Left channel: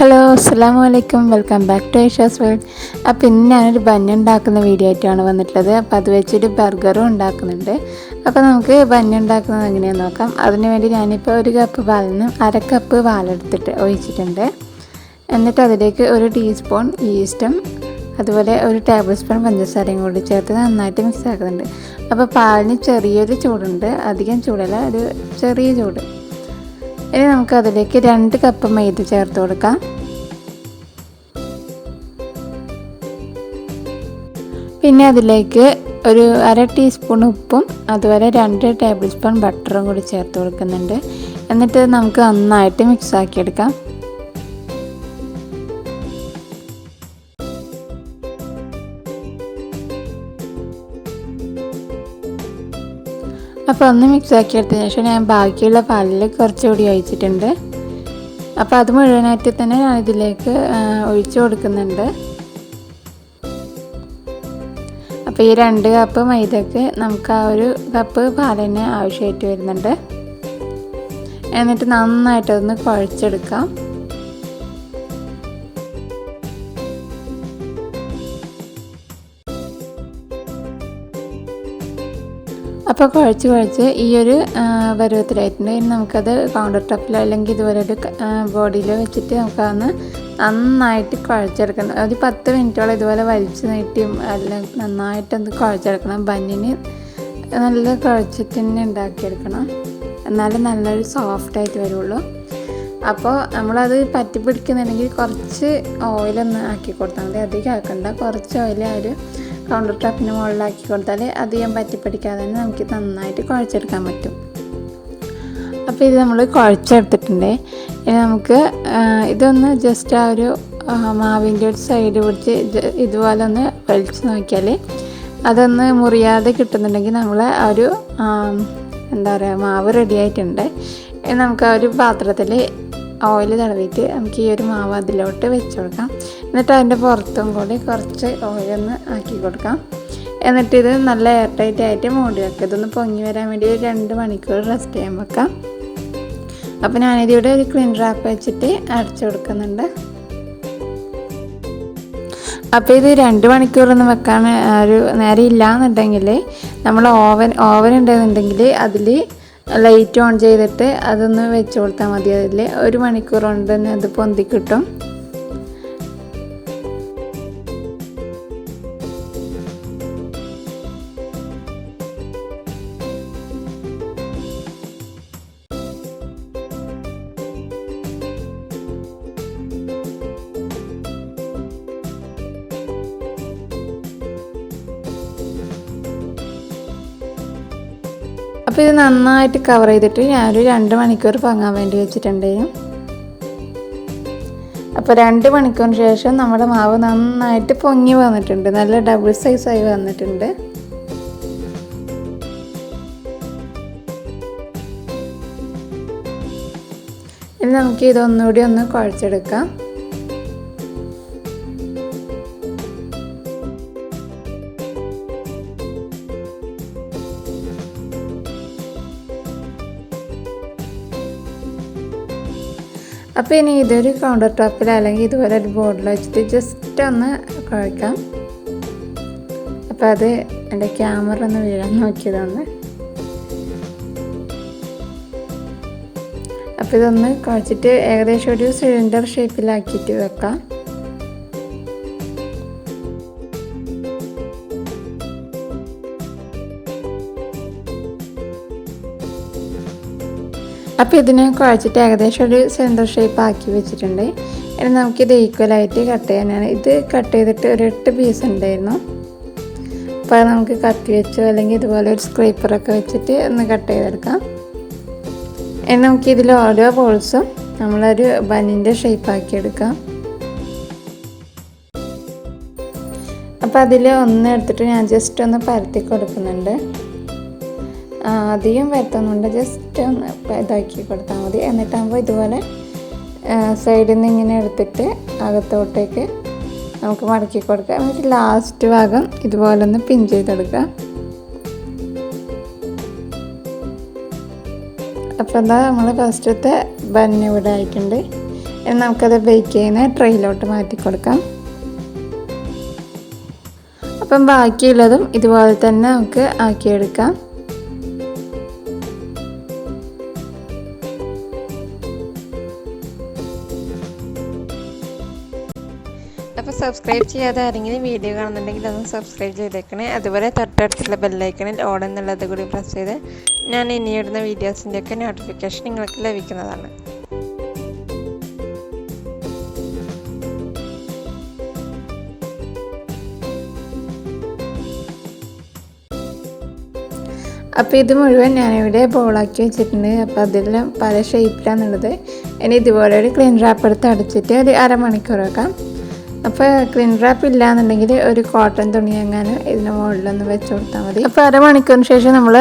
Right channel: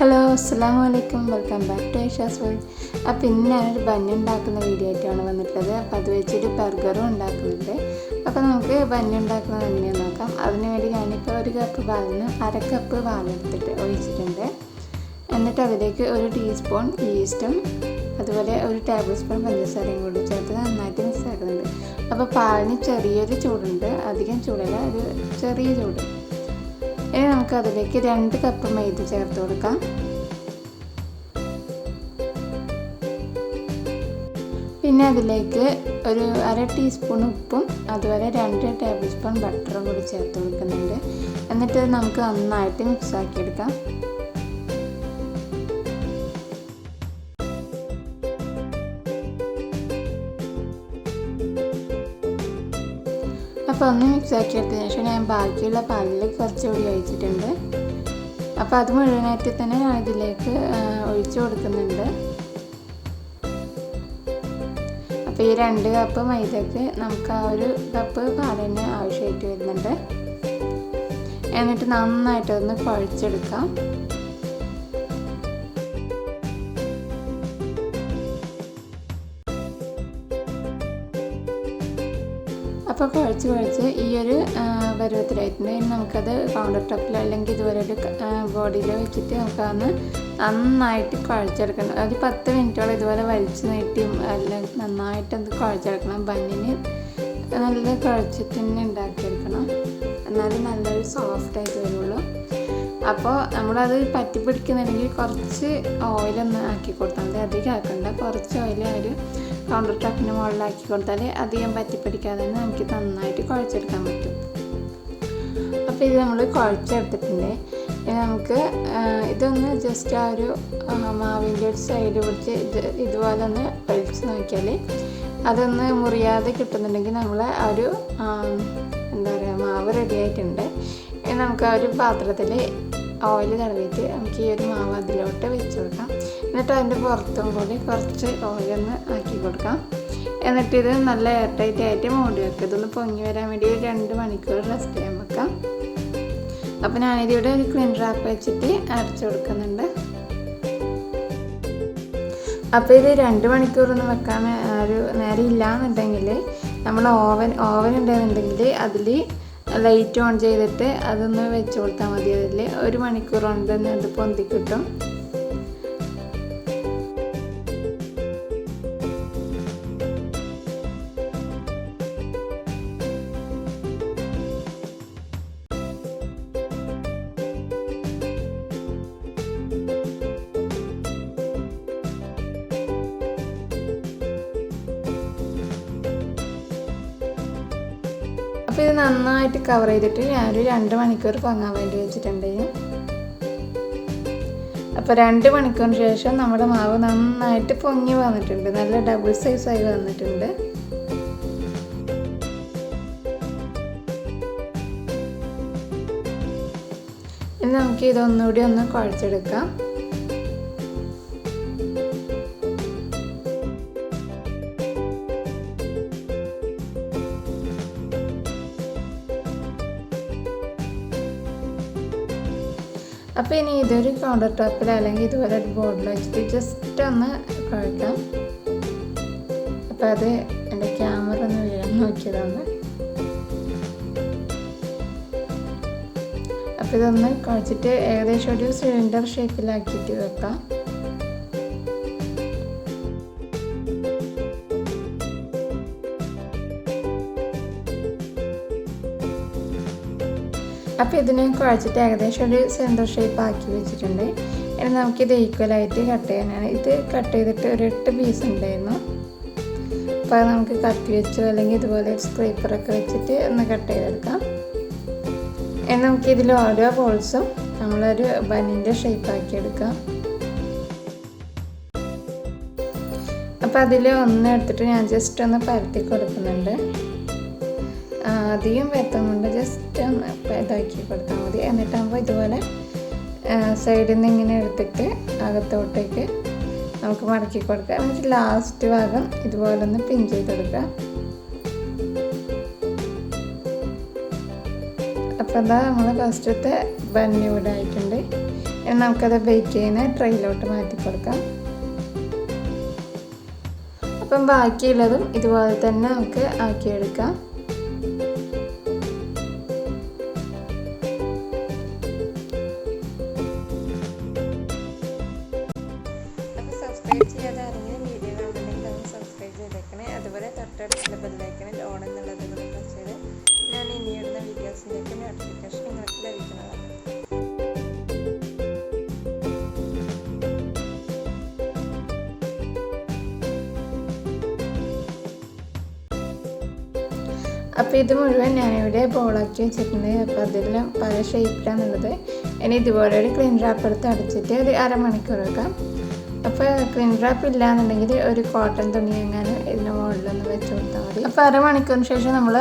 Hello അസ്സലാമു അലൈക്കും, welcome back to Aisha's world. അപ്പോൾ ഇന്ന് ഞാനൊരു ബന്ന് ഉണ്ടാക്കുന്ന വീഡിയോ ആയിട്ടാണ് വന്നിട്ടുള്ളത്. അപ്പോൾ അത് വെച്ചിട്ട് ബർഗറും ഉണ്ടാക്കുന്നുണ്ട്. അപ്പോൾ നമുക്ക് ബന്ന് ഉണ്ടാക്കുന്നത് എങ്ങനെയാണെന്ന് നോക്കാം. അതിന് വേണ്ടി ഞാനിപ്പോൾ ഒരു കപ്പ് പാലിന് അര കപ്പ് പാലെടുത്തിട്ട് ഒഴിച്ചിട്ടുണ്ട്. എന്നിട്ട് അതിലേക്ക് ഒരു ടീസ്പൂൺ ഈസ്റ്റും അതുപോലെ ഒരു ടേബിൾ സ്പൂൺ പഞ്ചസാരയും കൂടി ചേർത്ത് നന്നായിട്ട് മിക്സ് ആക്കുന്നുണ്ട്. അപ്പോൾ പാലിന് ചെറിയൊരു ചൂടുണ്ട്, അധികം ചൂടല്ല, ഒരു ചെറിയ ചൂട്. ഇനി നമുക്കതിലേക്ക് 2 കപ്പ് മൈദ ചേർത്ത് കൊടുക്കാം. പിന്നെ അതിലേക്ക് ഒരു അര ടീസ്പൂൺ ഉപ്പും അതുപോലെ 2 ടേബിൾ സ്പൂൺ ബട്ടറും കൂടി ചേർത്ത് കൊടുക്കുന്നുണ്ട്. എന്നിട്ട് നമുക്ക് നന്നായിട്ട് മിക്സ് ആക്കിയെടുക്കാം. അപ്പോൾ ഒന്ന് മിക്സ് ആക്കിയെടുത്തതിന് ശേഷം ഞാൻ ബാക്കിയുള്ള പാലിൽ കുറച്ചുകൂടി ഒഴിച്ചിട്ടുണ്ട്. അപ്പോൾ അത് മുഴുവനായിട്ട് തന്നെ ഞാൻ ഇതിലേക്ക് ഒഴിച്ച് കൊടുക്കുന്നുണ്ട്. അപ്പോൾ ഈ 2 കപ്പ് മൈദക്ക് നമുക്ക് ആ ഒരു കപ്പ് പാൽ തന്നെ ആവശ്യമായിട്ട് വരുന്നുണ്ട്. എന്നിട്ട് നന്നായിട്ടൊന്ന് കുഴച്ചെടുക്കാം. അപ്പോൾ കുഴച്ച് ഈ ഒരു പരുവത്തിലായിട്ടുണ്ട്. ഇനി നമുക്കത് കൗണ്ടർ ടോപ്പിലോ അല്ലെങ്കിൽ ഇതുപോലെ ഒരു ബോഡിയിലോ വെച്ചിട്ട് നമുക്കതൊന്ന് നന്നായിട്ട് കുഴച്ചെടുക്കണം. ഒരു 10 മിനിറ്റോളം ഇതുപോലെ വലിച്ചു നീട്ടിയും എല്ലാം നന്നായിട്ടൊന്ന് കുഴച്ചെടുക്കണം. ബന്നിന് നല്ല കുഴച്ചിട്ട് തന്നെ ഉണ്ടാക്കിയെടുക്കണം, എന്നാലും നല്ലൊരു സോഫ്റ്റായിട്ട് വരുള്ളൂ. അപ്പോൾ നമ്മളത് പറ്റി പിടിക്കുന്നുണ്ടെങ്കിൽ കുറച്ച് ഓയിലൊന്ന് ആക്കി കൊടുത്താൽ മതി, അധികം ആക്കണ്ട. കുറച്ച് ഓയിൽ ഒരു കൗണ്ടർ ടോപ്പിന് മുകളിലാക്കി കൊടുത്താൽ അധികം പറ്റിപ്പിടിക്കാതെ തന്നെ നമുക്ക് നന്നായിട്ട് കുഴച്ചെടുക്കാൻ പറ്റും. അപ്പോൾ ഇത് നമ്മൾ കുഴച്ചെടുത്തിട്ടുണ്ട്. ഇനി നമുക്ക് ഇതൊന്ന് ജസ്റ്റ് ആ ഒരു മാവിൻ്റെ ഒരു സൈഡ് പിടിച്ച് ഇതുപോലെ ഒന്ന് വലിച്ച് നോക്കിയാൽ അതൊന്ന് മുറിയാതെ കിട്ടുന്നുണ്ടെങ്കിൽ നമ്മൾ ആ ഒരു എന്താ പറയുക മാവ് റെഡി ആയിട്ടുണ്ട്. ഇനി നമുക്ക് ആ ഒരു പാത്രത്തിൽ ഓയിൽ തടവിയിട്ട് നമുക്ക് ഈ ഒരു മാവ് അതിലോട്ട് വെച്ച് കൊടുക്കാം. എന്നിട്ട് അതിൻ്റെ പുറത്തും കൂടി കുറച്ച് ഓയിലൊന്ന് ആക്കി കൊടുക്കാം. എന്നിട്ട് ഇത് നല്ല എയർ ടൈറ്റ് ആയിട്ട് മൂടി വെക്കുക. ഇതൊന്ന് പൊങ്ങി വരാൻ വേണ്ടി 2 മണിക്കൂർ റെസ്റ്റ് ചെയ്യാൻ വെക്കാം. അപ്പോൾ ഞാനിതിവിടെ ഒരു ക്ലീൻ റാപ്പ് വെച്ചിട്ട് അടച്ചു കൊടുക്കുന്നുണ്ട്. അപ്പോൾ ഇത് 2 മണിക്കൂറൊന്നും വെക്കാൻ ഒരു നേരം ഇല്ലയെന്നുണ്ടെങ്കിൽ നമ്മൾ ഓവൻ ഉണ്ടെന്നുണ്ടെങ്കിൽ അതിൽ ലൈറ്റ് ഓൺ ചെയ്തിട്ട് അതൊന്ന് വെച്ച് കൊടുത്താൽ മതി. അതിൽ 1 മണിക്കൂർ കൊണ്ട് തന്നെ അത് പൊന്തി കിട്ടും. അപ്പോൾ ഇത് നന്നായിട്ട് കവർ ചെയ്തിട്ട് ഞാനൊരു 2 മണിക്കൂർ പൊങ്ങാൻ വേണ്ടി വെച്ചിട്ടുണ്ടായിരുന്നു. അപ്പോൾ 2 മണിക്കൂറിന് ശേഷം നമ്മുടെ മാവ് നന്നായിട്ട് പൊങ്ങി വന്നിട്ടുണ്ട്, നല്ല ഡബിൾ സൈസായി വന്നിട്ടുണ്ട്. ഇനി നമുക്ക് ഇതൊന്നുകൂടി ഒന്ന് കുഴച്ചെടുക്കാം. അപ്പോൾ ഇനി ഇതൊരു കൗണ്ടർ ടോപ്പിൽ അല്ലെങ്കിൽ ഇതുപോലെ ഒരു ബോർഡിൽ വെച്ചിട്ട് ജസ്റ്റ് ഒന്ന് കുഴക്കാം. അപ്പോൾ അത് എൻ്റെ ക്യാമറ ഒന്ന് വീഴാൻ നോക്കിയതാണ്. അപ്പോൾ ഇതൊന്ന് കുഴച്ചിട്ട് ഏകദേശം ഒരു സിലിണ്ടർ ഷേപ്പിലാക്കിയിട്ട് വെക്കാം. അപ്പോൾ ഇതിനെ കുഴച്ചിട്ട് ഏകദേശം ഒരു സെൻറ്റർ ഷേപ്പ് ആക്കി വെച്ചിട്ടുണ്ട്. ഇനി നമുക്കിത് ഈക്വലായിട്ട് കട്ട് ചെയ്യാനാണ്. ഇത് കട്ട് ചെയ്തിട്ട് ഒരു 8 പീസ് ഉണ്ടായിരുന്നു. അപ്പോൾ നമുക്ക് കത്തി വെച്ചോ അല്ലെങ്കിൽ ഇതുപോലെ ഒരു സ്ക്രൈപ്പറൊക്കെ വെച്ചിട്ട് ഒന്ന് കട്ട് ചെയ്തെടുക്കാം. ഇനി നമുക്കിതിൽ ഓരോ ബോൾസും നമ്മളൊരു ബന്നിൻ്റെ ഷേപ്പ് ആക്കി എടുക്കാം. അപ്പോൾ അതിൽ ഒന്ന് എടുത്തിട്ട് ഞാൻ ജസ്റ്റ് ഒന്ന് പരത്തി കൊടുക്കുന്നുണ്ട്. അധികം പരത്തുന്നുണ്ട്, ജസ്റ്റ് ഒന്ന് ഇതാക്കി കൊടുത്താൽ മതി. എന്നിട്ടാകുമ്പോൾ ഇതുപോലെ സൈഡിൽ നിന്ന് ഇങ്ങനെ എടുത്തിട്ട് അകത്തോട്ടേക്ക് നമുക്ക് മടക്കി കൊടുക്കാം. എന്നിട്ട് ലാസ്റ്റ് ഭാഗം ഇതുപോലെ ഒന്ന് പിൻ ചെയ്തെടുക്കാം. അപ്പോൾ എന്താ നമ്മൾ ഫസ്റ്റത്തെ ബന്ന് ഇവിടെ ആയിട്ടുണ്ട്. നമുക്കത് ബേക്ക് ചെയ്യുന്ന ട്രെയിലോട്ട് മാറ്റി കൊടുക്കാം. അപ്പം ബാക്കിയുള്ളതും ഇതുപോലെ തന്നെ നമുക്ക് ആക്കിയെടുക്കാം. അപ്പോൾ സബ്സ്ക്രൈബ് ചെയ്യാതെ ആരെങ്കിലും വീഡിയോ കാണുന്നുണ്ടെങ്കിൽ ഒന്ന് സബ്സ്ക്രൈബ് ചെയ്തേക്കണേ. അതുപോലെ തൊട്ടടുത്തുള്ള ബെല്ലൈക്കണിൽ ഓൾ എന്നുള്ളത് കൂടി പ്രസ് ചെയ്ത് ഞാൻ ഇനിയിടുന്ന വീഡിയോസിൻ്റെയൊക്കെ നോട്ടിഫിക്കേഷൻ നിങ്ങൾക്ക് ലഭിക്കുന്നതാണ്. അപ്പോൾ ഇത് മുഴുവൻ ഞാനിവിടെ ബോളാക്കി വെച്ചിട്ടുണ്ട്. അപ്പോൾ അതെല്ലാം പല ഷേപ്പിലാണുള്ളത്. ഇനി ഇതുപോലെ ഒരു ക്ലീൻ റാപ്പ് എടുത്ത് അടച്ചിട്ട് ഒരു അരമണിക്കൂർ വെക്കാം. അപ്പോൾ ക്ലീൻ റാപ്പ് ഇല്ലയെന്നുണ്ടെങ്കിൽ ഒരു കോട്ടൺ തുണി എങ്ങാനും ഇതിന് മുകളിലൊന്ന് വെച്ച് കൊടുത്താൽ മതി. അപ്പോൾ അരമണിക്കൂറിന് ശേഷം നമ്മൾ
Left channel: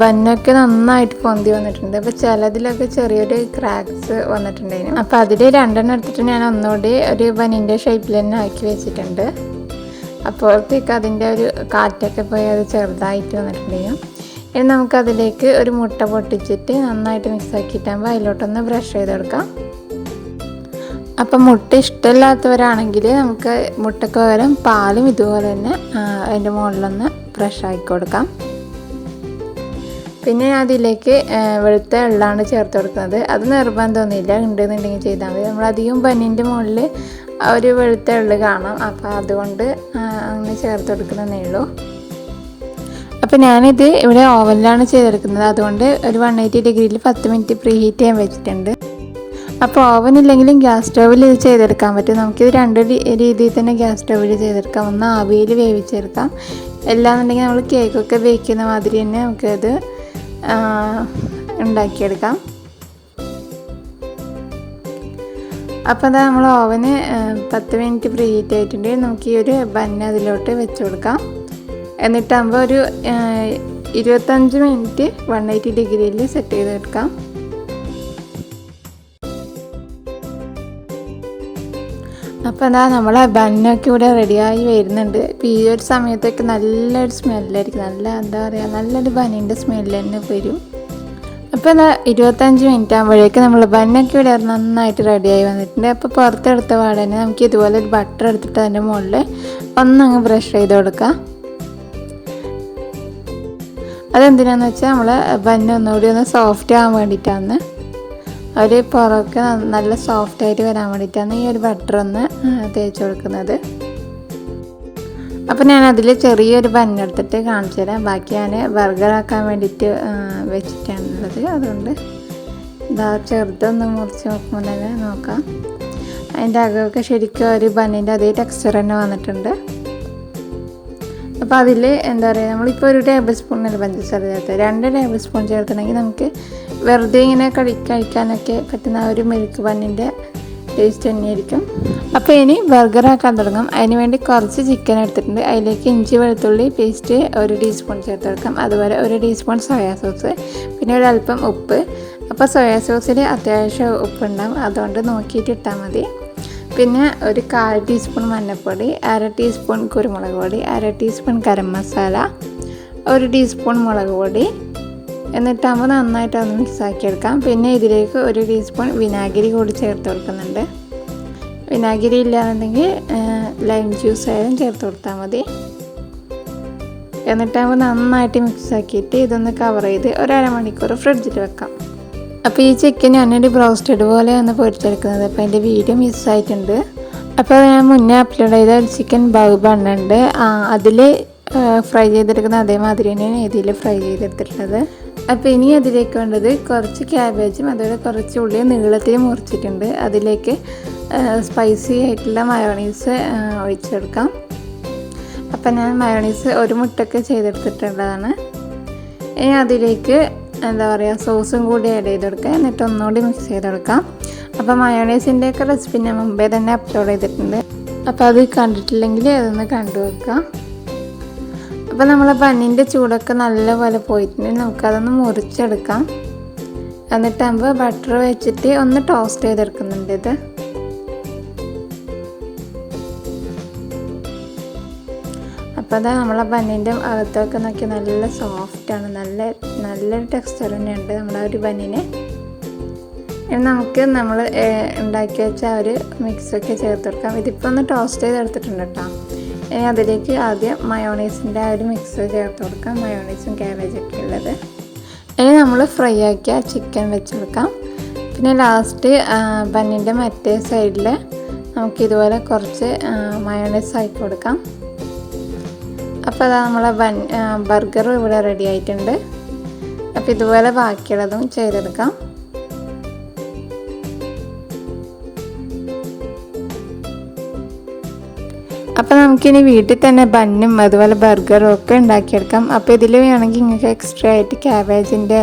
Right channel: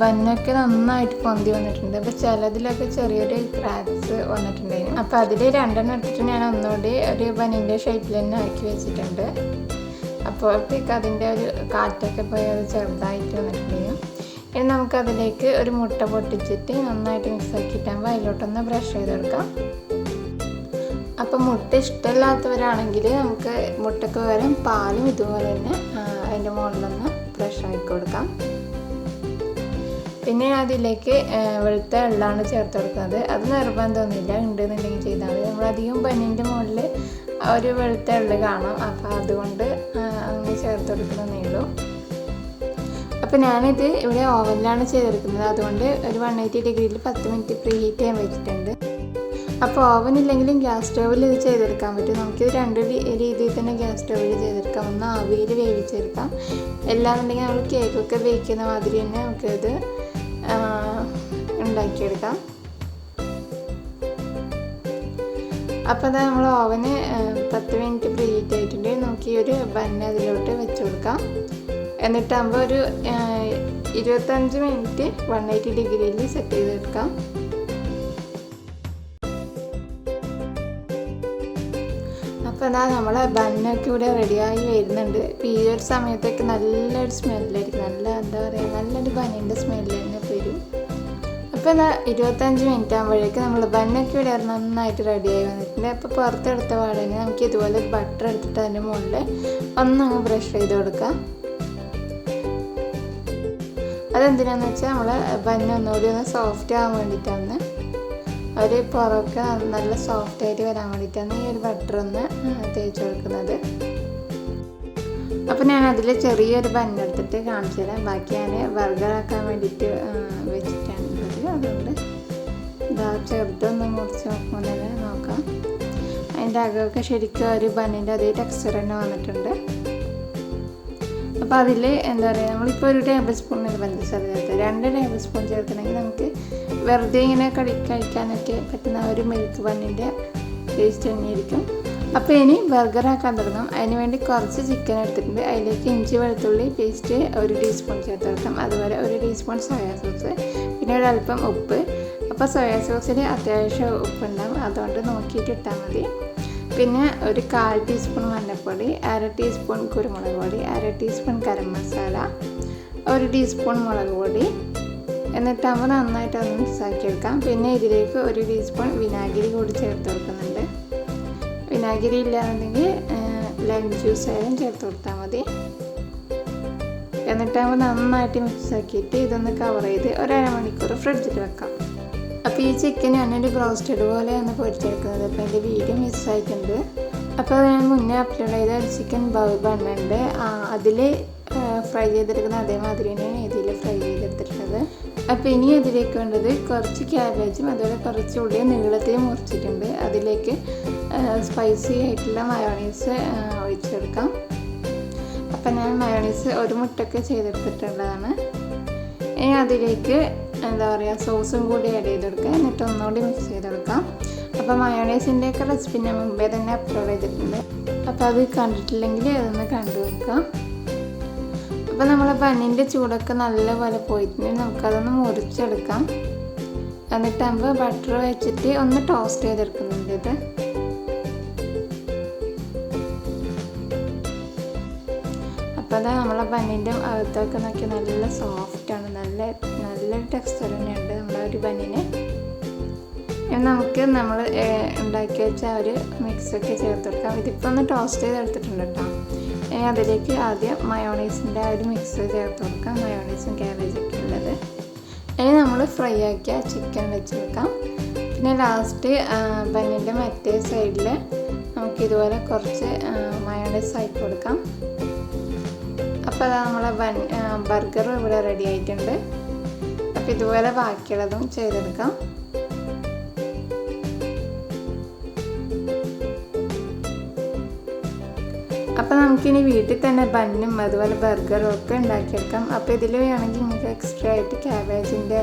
ബന്നൊക്കെ നന്നായിട്ട് പൊന്തി വന്നിട്ടുണ്ട്. അപ്പോൾ ചിലതിലൊക്കെ ചെറിയൊരു ക്രാക്സ് വന്നിട്ടുണ്ടായിരുന്നു. അപ്പോൾ അതിൽ 2 എടുത്തിട്ട് ഞാൻ ഒന്നുകൂടി ഒരു ബന്നിൻ്റെ ഷേപ്പിൽ തന്നെ ആക്കി വെച്ചിട്ടുണ്ട്. അപ്പോഴത്തേക്ക് അതിൻ്റെ ഒരു കാറ്റൊക്കെ പോയി അത് ചെറുതായിട്ട് വന്നിട്ടുണ്ടായിരുന്നു. ഇനി നമുക്കതിലേക്ക് ഒരു മുട്ട പൊട്ടിച്ചിട്ട് നന്നായിട്ട് മിക്സ് ആക്കിയിട്ടാകുമ്പോൾ അതിലോട്ടൊന്ന് ബ്രഷ് ചെയ്തെടുക്കാം. അപ്പം മുട്ട ഇഷ്ടമില്ലാത്തവരാണെങ്കിൽ നമുക്ക് മുട്ടയ്ക്ക് പകരം പാലും ഇതുപോലെ തന്നെ അതിൻ്റെ മുകളിലൊന്ന് ബ്രഷ് ആക്കി കൊടുക്കാം. പിന്നെ അതിലേക്ക് വെളുത്ത എള്ളാണ് ചേർത്ത് കൊടുക്കുന്നത്. അത് നിർബന്ധമൊന്നുമില്ല, ഉണ്ടെന്നുണ്ടെങ്കിൽ ചെയ്താൽ മതി. നമ്മളധികം ബന്നിൻ്റെ മുകളിൽ ഒരു വെളുത്ത എള്ള് കാണാം. അപ്പോൾ അതുകൊണ്ട് അങ്ങനെ ചേർത്ത് കൊടുക്കുന്നതേ ഉള്ളൂ. അപ്പോൾ ഞാനിത് ഇവിടെ ഓവനിലാണ് ചെയ്തെടുക്കുന്നത്. അതുകൊണ്ട് ഒരു 180 ഡിഗ്രിയിൽ 10 മിനിറ്റ് പ്രീ ഹീറ്റ് ചെയ്യാൻ വെച്ചിട്ടുണ്ട്. അപ്പോൾ ഓവൻ ഇല്ലെങ്കിലും ഗ്യാസ് സ്റ്റൗവിൽ ഇത് ചെയ്തെടുക്കാൻ പറ്റും. നമുക്കിത് 2 രീതിയിൽ തന്നെ ഗ്യാസ് സ്റ്റൗവിൽ ചെയ്തെടുക്കാം. ഒന്ന് ആവിയിൽ വേവിച്ചെടുക്കാം, എല്ലാന്നുണ്ടെങ്കിൽ നമ്മൾ കേക്കൊക്കെ ബേക്ക് ചെയ്യുന്ന മാതിരി തന്നെ നമുക്കത് ഉണ്ടാക്കിയെടുക്കാം. അപ്പോൾ അതാ നമ്മൾ ഓവന് 10 മിനിറ്റ് പ്രീ ഹീറ്റ് ആയിട്ടുണ്ട്. നമുക്ക് ഈ ഒരു ബന്ന് അതിലോട്ട് വെച്ച് കൊടുക്കാം. എന്നിട്ടാകുമ്പോൾ ഒരു 25 മിനിറ്റ് 180 ഡിഗ്രിയിൽ സെറ്റ് ചെയ്തെടുക്കാം. അപ്പോൾ എന്താ നമ്മളെ ബന്നൊക്കെ ഇവിടെ റെഡിയായി വരുന്നുണ്ട്. ഇപ്പോൾ ഈ ഒരു സമയത്തൊക്കെ നല്ലൊരു സ്മെല്ലായിരിക്കും, എന്താ പറയുക, നല്ലൊരു ബന്നിൻ്റെ സ്മെല്ല് തന്നെ വരും. അപ്പോൾ എന്താ 25 മിനിറ്റ് ആകുമ്പോഴേക്കും നമ്മൾ ബന്നൊക്കെ ഇവിടെ നന്നായിട്ട് റെഡിയായി വന്നിട്ടുണ്ട്. അപ്പോൾ പുറത്തെടുത്ത പാടന്നെ നമുക്ക് ഇതുപോലെ ഒരു ബട്ടർ എടുത്തിട്ട് അതിൻ്റെ മുകളിൽ ഒന്നങ്ങ് ബ്രഷ് ചെയ്ത് കൊടുക്കാം. അതെന്തിനാന്ന് വെച്ചാൽ നമ്മൾ ബന്ന് ഒന്നുകൂടി ഒന്ന് സോഫ്റ്റ് ആകാൻ വേണ്ടിയിട്ടാണ്, ഒരു പുറമൊക്കെ നല്ല സോഫ്റ്റായിട്ട് വരാൻ വേണ്ടിയിട്ടാണ് ഈ ഒരു ബട്ടർ ഒന്ന് തേച്ച് കൊടുക്കുന്നത്. അപ്പോൾ ഞാൻ അതിൽ ചെറിയൊരു ബന്നെടുത്തിട്ട് കാണിച്ചു തരാം. ബാക്കി ഞാൻ ബർഗറാക്കാൻ വേണ്ടിയിട്ട് വെച്ചിട്ടാണുള്ളത്. അതുകൊണ്ട് ഇതാ ചെറുതൊന്ന് മുറിച്ച് നോക്കുമ്പോൾ തന്നെ നോക്കാം. അതിൻ്റെ അകമൊക്കെ ശരിക്കും ഒരു ബന്നിൻ്റെ അതേ ടെക്സ്ചർ തന്നെ വന്നിട്ടുണ്ട്. അപ്പോൾ അതിൽ എന്താ പറയുക, നമ്മളിപ്പോൾ 1 ടേബിൾ സ്പൂണിന് പഞ്ചസാര ചേർത്ത് 2 ടേബിൾ സ്പൂൺ ചേർക്കണമെങ്കിൽ നമുക്ക് വെറുതെ ഇങ്ങനെ കഴിക്കാനൊക്കെ പറ്റുന്ന ഒരു മിൽക്ക് ബന്നിൻ്റെ ടേസ്റ്റ് തന്നെയായിരിക്കും. അപ്പോൾ ഇനി ബർഗറാക്കാൻ തുടങ്ങാം. അതിന് വേണ്ടി കുറച്ച് ചിക്കൻ എടുത്തിട്ടുണ്ട്. അതിലേക്ക് ഇഞ്ചി വെളുത്തുള്ളി പേസ്റ്റ് 1 ടീസ്പൂൺ ചേർത്ത് കൊടുക്കാം. അതുപോലെ 1 ടീസ്പൂൺ സോയാ സോസ്, പിന്നെ ഒരല്പം ഉപ്പ്. അപ്പോൾ സോയാ സോസിൽ അത്യാവശ്യം ഉപ്പുണ്ടാകും, അതുകൊണ്ട് നോക്കിയിട്ട് ഇട്ടാൽ മതി. പിന്നെ ഒരു 1/4 ടീസ്പൂൺ മഞ്ഞൾപ്പൊടി, 1/2 ടീസ്പൂൺ കുരുമുളക് പൊടി, 1/2 ടീസ്പൂൺ ഗരം മസാല, 1 ടീസ്പൂൺ മുളക് പൊടി. എന്നിട്ടാകുമ്പോൾ നന്നായിട്ട് അത് മിക്സാക്കി എടുക്കാം. പിന്നെ ഇതിലേക്ക് 1 ടീസ്പൂൺ വിനാഗിരി കൂടി ചേർത്ത് കൊടുക്കുന്നുണ്ട്. വിനാഗിരി ഇല്ലാന്നുണ്ടെങ്കിൽ ലൈം ജ്യൂസ് ആയാലും ചേർത്ത് കൊടുത്താൽ മതി. എന്നിട്ടാകുമ്പോൾ നന്നായിട്ട് മിക്സാക്കിയിട്ട് ഇതൊന്ന് കവർ ചെയ്ത് ഒരു അരമണിക്കൂർ ഫ്രിഡ്ജിൽ വെക്കാം. അപ്പോൾ ഈ ചിക്കൻ ഞാനൊരു ബ്രോസ്റ്റഡ് പോലെയാണ് പൊരിച്ചെടുക്കുന്നത്. അപ്പോൾ അതിൻ്റെ വീഡിയോ മിസ്സായിട്ടുണ്ട്. അപ്പോൾ ഞാൻ മുന്നേ അപ്ലോഡ് ചെയ്ത ഒരു ചിക്കൻ ബണ്ണുണ്ട്, അതിൽ ഫ്രൈ ചെയ്തെടുക്കുന്ന അതേമാതിരി തന്നെയാണ് ഇതിൽ ഫ്രൈ ചെയ്തെടുത്തിട്ടുള്ളത്. അപ്പോൾ ഇനി അതിലേക്ക് വേണ്ടത് കുറച്ച് ക്യാബേജും അതുപോലെ കുറച്ച് ഉള്ളി നീളത്തിൽ മുറിച്ചിട്ടുണ്ട്. അതിലേക്ക് സ്പൈസി ആയിട്ടുള്ള മയോണൈസ് ഒഴിച്ചെടുക്കാം. അപ്പം ഞാൻ മയോണൈസ് 1 മുട്ടയ്ക്ക് ചെയ്തെടുത്തിട്ടുള്ളതാണ്. ഇനി അതിലേക്ക് എന്താ പറയുക സോസും കൂടി ആഡ് ചെയ്ത് കൊടുക്കുക. എന്നിട്ട് ഒന്നുകൂടി മിക്സ് ചെയ്ത് കൊടുക്കാം. അപ്പോൾ മയോണൈസിൻ്റെയൊക്കെ റെസിപ്പി ഞാൻ മുമ്പേ തന്നെ അപ്ലോഡ് ചെയ്തിട്ടുണ്ട്. അപ്പോൾ അത് കണ്ടിട്ടില്ലെങ്കിൽ അതൊന്ന് കണ്ടു വെക്കാം. അപ്പോൾ നമ്മൾ ബണ്ണിൻ്റെ ചൂടൊക്കെ നല്ലപോലെ പോയിട്ടുണ്ടെങ്കിൽ നമുക്കതൊന്ന് മുറിച്ചെടുക്കാം. എന്നിട്ടാകുമ്പോൾ ബട്ടർ വെച്ചിട്ട് ഒന്ന് ടോസ്റ്റ് ചെയ്തെടുക്കുന്നുണ്ട് ഇത്. അപ്പോൾ അതാ നമ്മളെ ബണ്ണിൻ്റെ അകത്തൊക്കെ നോക്കി നല്ല സോഫ്റ്റാണ്, നല്ലൊരു ടെക്സ്ചർ തന്നെയുണ്ട് നമ്മളെ ഒരു ബണ്ണിന്. നമുക്ക് നമ്മൾ ഉണ്ടാക്കി വെച്ച ആ ഒരു മിക്സൊക്കെ ചേർത്ത് കൊടുക്കാം. ഇതിപ്പോൾ ഒന്ന് ടോസ്റ്റ് ചെയ്തെടുത്തിട്ടുണ്ട് കേട്ടോ. ഇനി അതിലേക്ക് ആദ്യം മയോണൈസിൻ്റെ ആ ഒരു മിക്സ് ചേർത്ത് കൊടുക്കാം, മയോണൈസും ക്യാബേജൊക്കെ ഉള്ളത്. ഇനി നമ്മൾ ഫ്രൈ ആക്കിയ ചിക്കൻ വെച്ച് കൊടുക്കാം. പിന്നെ ലാസ്റ്റ് ബന്നിൻ്റെ മറ്റേ സൈഡിൽ നമുക്കിതുപോലെ കുറച്ച് മയോണൈസ് ആക്കി കൊടുക്കാം. അപ്പോൾ അതാ നമ്മളെ ബർഗർ ഇവിടെ റെഡി ആയിട്ടുണ്ട്. അപ്പോൾ ഇതുപോലെ ബാക്കിയുള്ളതും ചെയ്തെടുക്കാം. അപ്പോൾ നമുക്കിനി വീട്ടിൽ തന്നെ ബന്നും അതുപോലെ ബർഗറും ഒക്കെ ഉണ്ടാക്കിയെടുക്കാം. അപ്പോൾ ഇതിൽ വേണമെങ്കിൽ നിങ്ങൾക്ക് എക്സ്ട്രാ ആയിട്ട് ക്യാബേജിൻ്റെ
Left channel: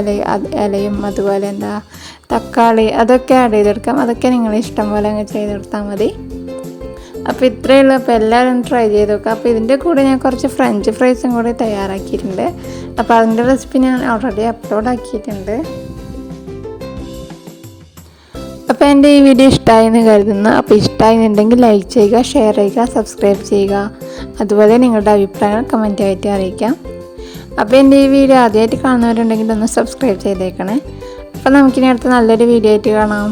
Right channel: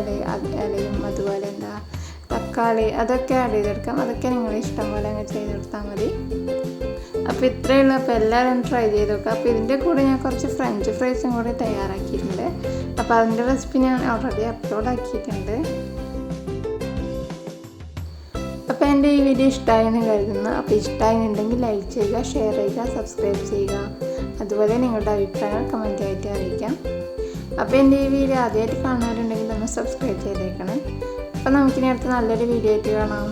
ഇലയും അതുപോലെ തക്കാളി അതൊക്കെ ആഡ് ചെയ്തെടുക്കാം. അതൊക്കെ നിങ്ങൾ ഇഷ്ടം പോലെ അങ്ങ് ചെയ്തെടുത്താൽ മതി. അപ്പോൾ ഇത്രയേ ഉള്ളൂ. അപ്പോൾ എല്ലാവരും ട്രൈ ചെയ്ത് നോക്കുക. അപ്പോൾ ഇതിൻ്റെ കൂടെ ഞാൻ കുറച്ച് ഫ്രഞ്ച് ഫ്രൈസും കൂടി തയ്യാറാക്കിയിട്ടുണ്ട്. അപ്പോൾ അതിൻ്റെ റെസിപ്പി ഞാൻ ഓൾറെഡി അപ്ലോഡ് ആക്കിയിട്ടുണ്ട്. അപ്പോൾ എൻ്റെ ഈ വീഡിയോ ഇഷ്ടമായെന്ന് കരുതുന്നു. അപ്പോൾ ഇഷ്ടമായിരുന്നുണ്ടെങ്കിൽ ലൈക്ക് ചെയ്യുക, ഷെയർ ചെയ്യുക, സബ്സ്ക്രൈബ് ചെയ്യുക. അതുപോലെ നിങ്ങളുടെ അഭിപ്രായങ്ങൾ കമൻറ്റ് ആയിട്ട് അറിയിക്കാം. അപ്പോൾ എൻ്റെ ഈ വീഡിയോ ആദ്യമായിട്ട് കാണുന്നവരുണ്ടെങ്കിൽ ഒന്ന് സബ്സ്ക്രൈബ് ചെയ്തേക്കണേ. അപ്പോൾ നമുക്കിനി അടുത്ത നല്ലൊരു വീഡിയോ ആയിട്ട് കാണാം.